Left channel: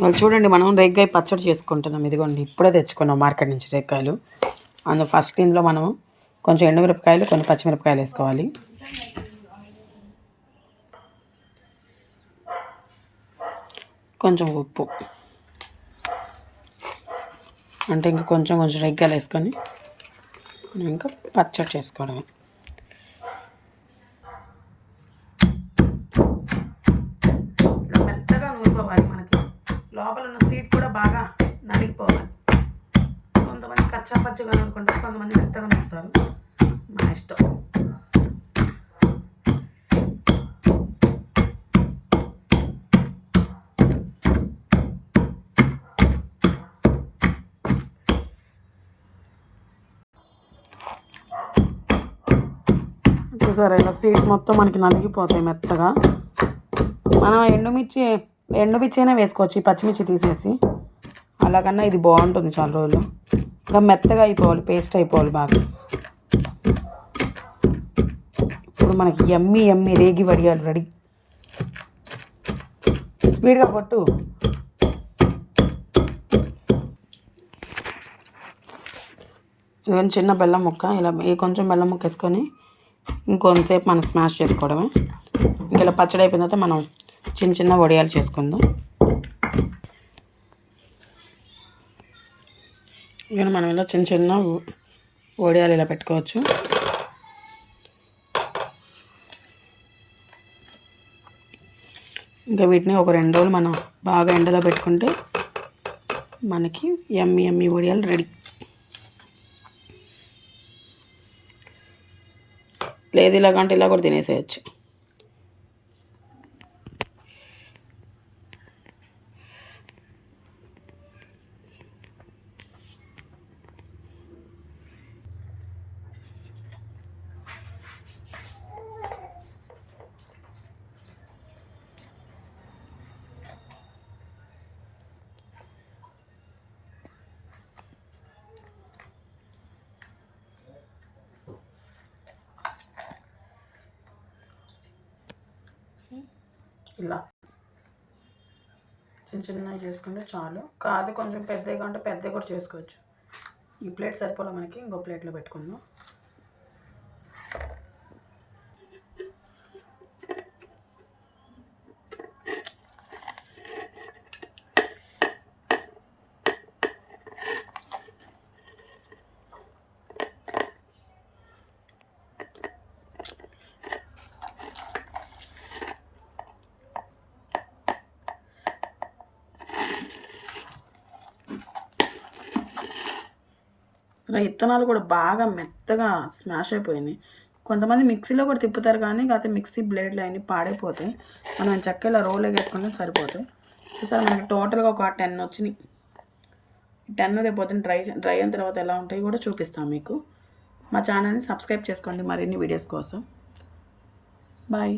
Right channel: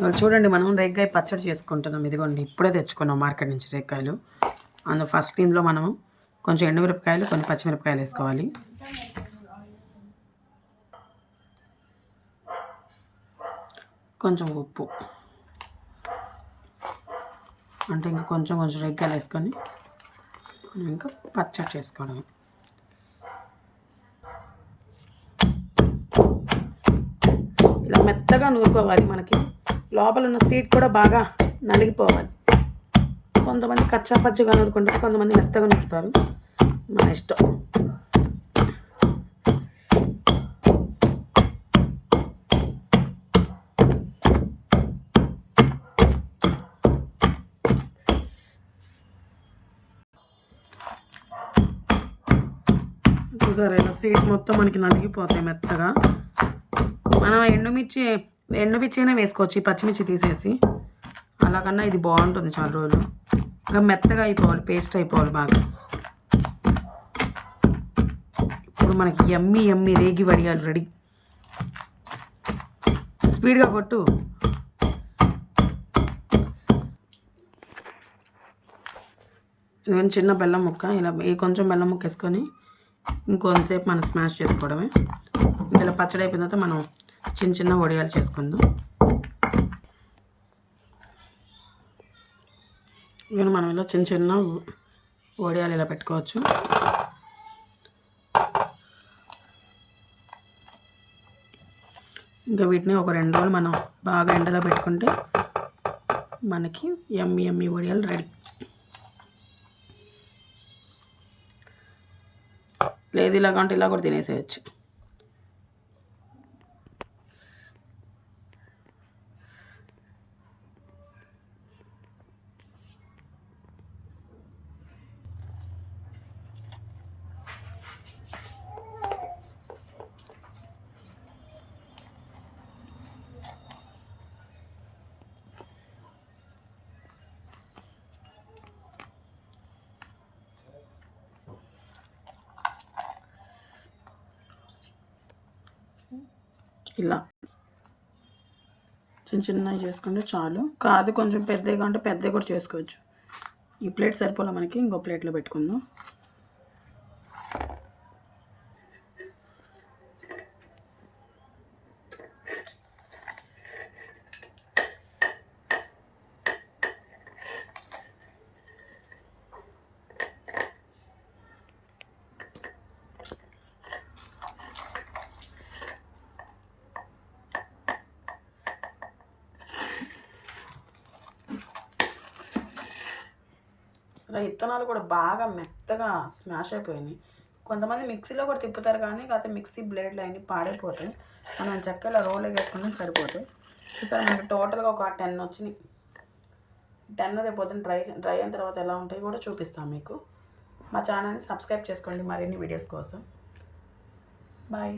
వాళ్ళు చూడండి, మనం రేగ్గాయ పచ్చడి చేసుకుంటున్నాం. ఇదిగోండి, ఇప్పుడే తెచ్చుకున్నాం మార్కెట్ నుంచి రేగ్గాయలు. అందులో ఫస్ట్ ఇందులో మనము కొంచెం ఎండుమిరపకాయలు, కొన్ని పచ్చిమిరపకాయలు వేసుకోవాలి. కొంచెం ఉప్పు, అంటే ఇంకా కొంచెం రేగ్గాయలు వేసుకొని మనం ఇంకా పచ్చడి చేసుకోవడమే. ఇలా మెత్తగా నూరుకోవాలి. మనకి లోపల ఉన్న సీడ్ కూడా బాగా నలిగిపోవాలి. కొంతమంది కచ్చా పచ్చిగా నూరుకుంటారు, కొంతమంది మెత్తగా నూరుతారు, మన ఇష్టం. చూసారా, ఇలా సీడ్స్ మొత్తం మనకి నలిగిపోతాయి మెత్తగా. మనం ఎండుమిర్చి అయినా వేసుకోవచ్చు, ఈ పచ్చిమిర్చి తీసేసి. అలాగన్నా ఇది బాగుంటుంది చాలా రోజులు. ఇలా మెత్తగా అయిపోవాలి, పేస్ట్ అయిపోవాలి బాగా. ఇప్పుడు మనకి యమ్మీ రేగి వడియాలు రెడీ. స్పీడ్గా కొట్టు. ఇదిగోని చిన్న బెల్లం ముక్క, ఇలా కొంచెం బెల్లం ముక్క వేసుకొని ఇంకొంతసేపు మనం స్మాష్ చేసుకోవడమే. ఇలా పచ్చడి అయిపోయిన తర్వాత మనం చిన్న వడియాలు చేసుకుందాం. ఇక మనం ఇలా చిన్న వడియాలు ఇలా పెట్టుకోవచ్చు. ఇంకా వీటిని ఒక 2 రోజులు మనం బాగా ఎండలో పెట్టుకుంటే మనకి యమ్మీ వడియాలు రెడీ. లేదు ఇలాగంటే ఇలా కూడా తినేసేయచ్చు. ఇలా చిన్నవి చేసుకుంటే చాలు. కాదు కొంచెం పెద్దగా అంటే పెద్దగా కూడా చేసుకోవచ్చు. ఈ ప్లేట్ సరిపోలే మనకి, ఇంకో ప్లేట్లో పెట్టుకుందాం. విత్తనాలు కూడా బాగా మెత్తగా స్మాష్ అయిపోయినాయి. కొంతమంది మిక్సీలో కూడా తిప్పుతారు, కానీ కాకపోతే మిక్సీ బ్లేడ్లు అన్నీ పాడైపోతాయి. మనం చక్కగా ఇలా రోల్ వేసుకుంటే సరిపోతాయి. చూసారు, మనకి టోటల్గా ఒక 10 వచ్చినాయి. 10 రేపు డ్రై అయిన తర్వాత ఎలా ఉంటాయి కూడా చూపిస్తాను మీకు. మా ఛానల్ని సబ్స్క్రైబ్ చేసుకోండి మరిన్ని వీడియోస్ కోసం. బాయ్.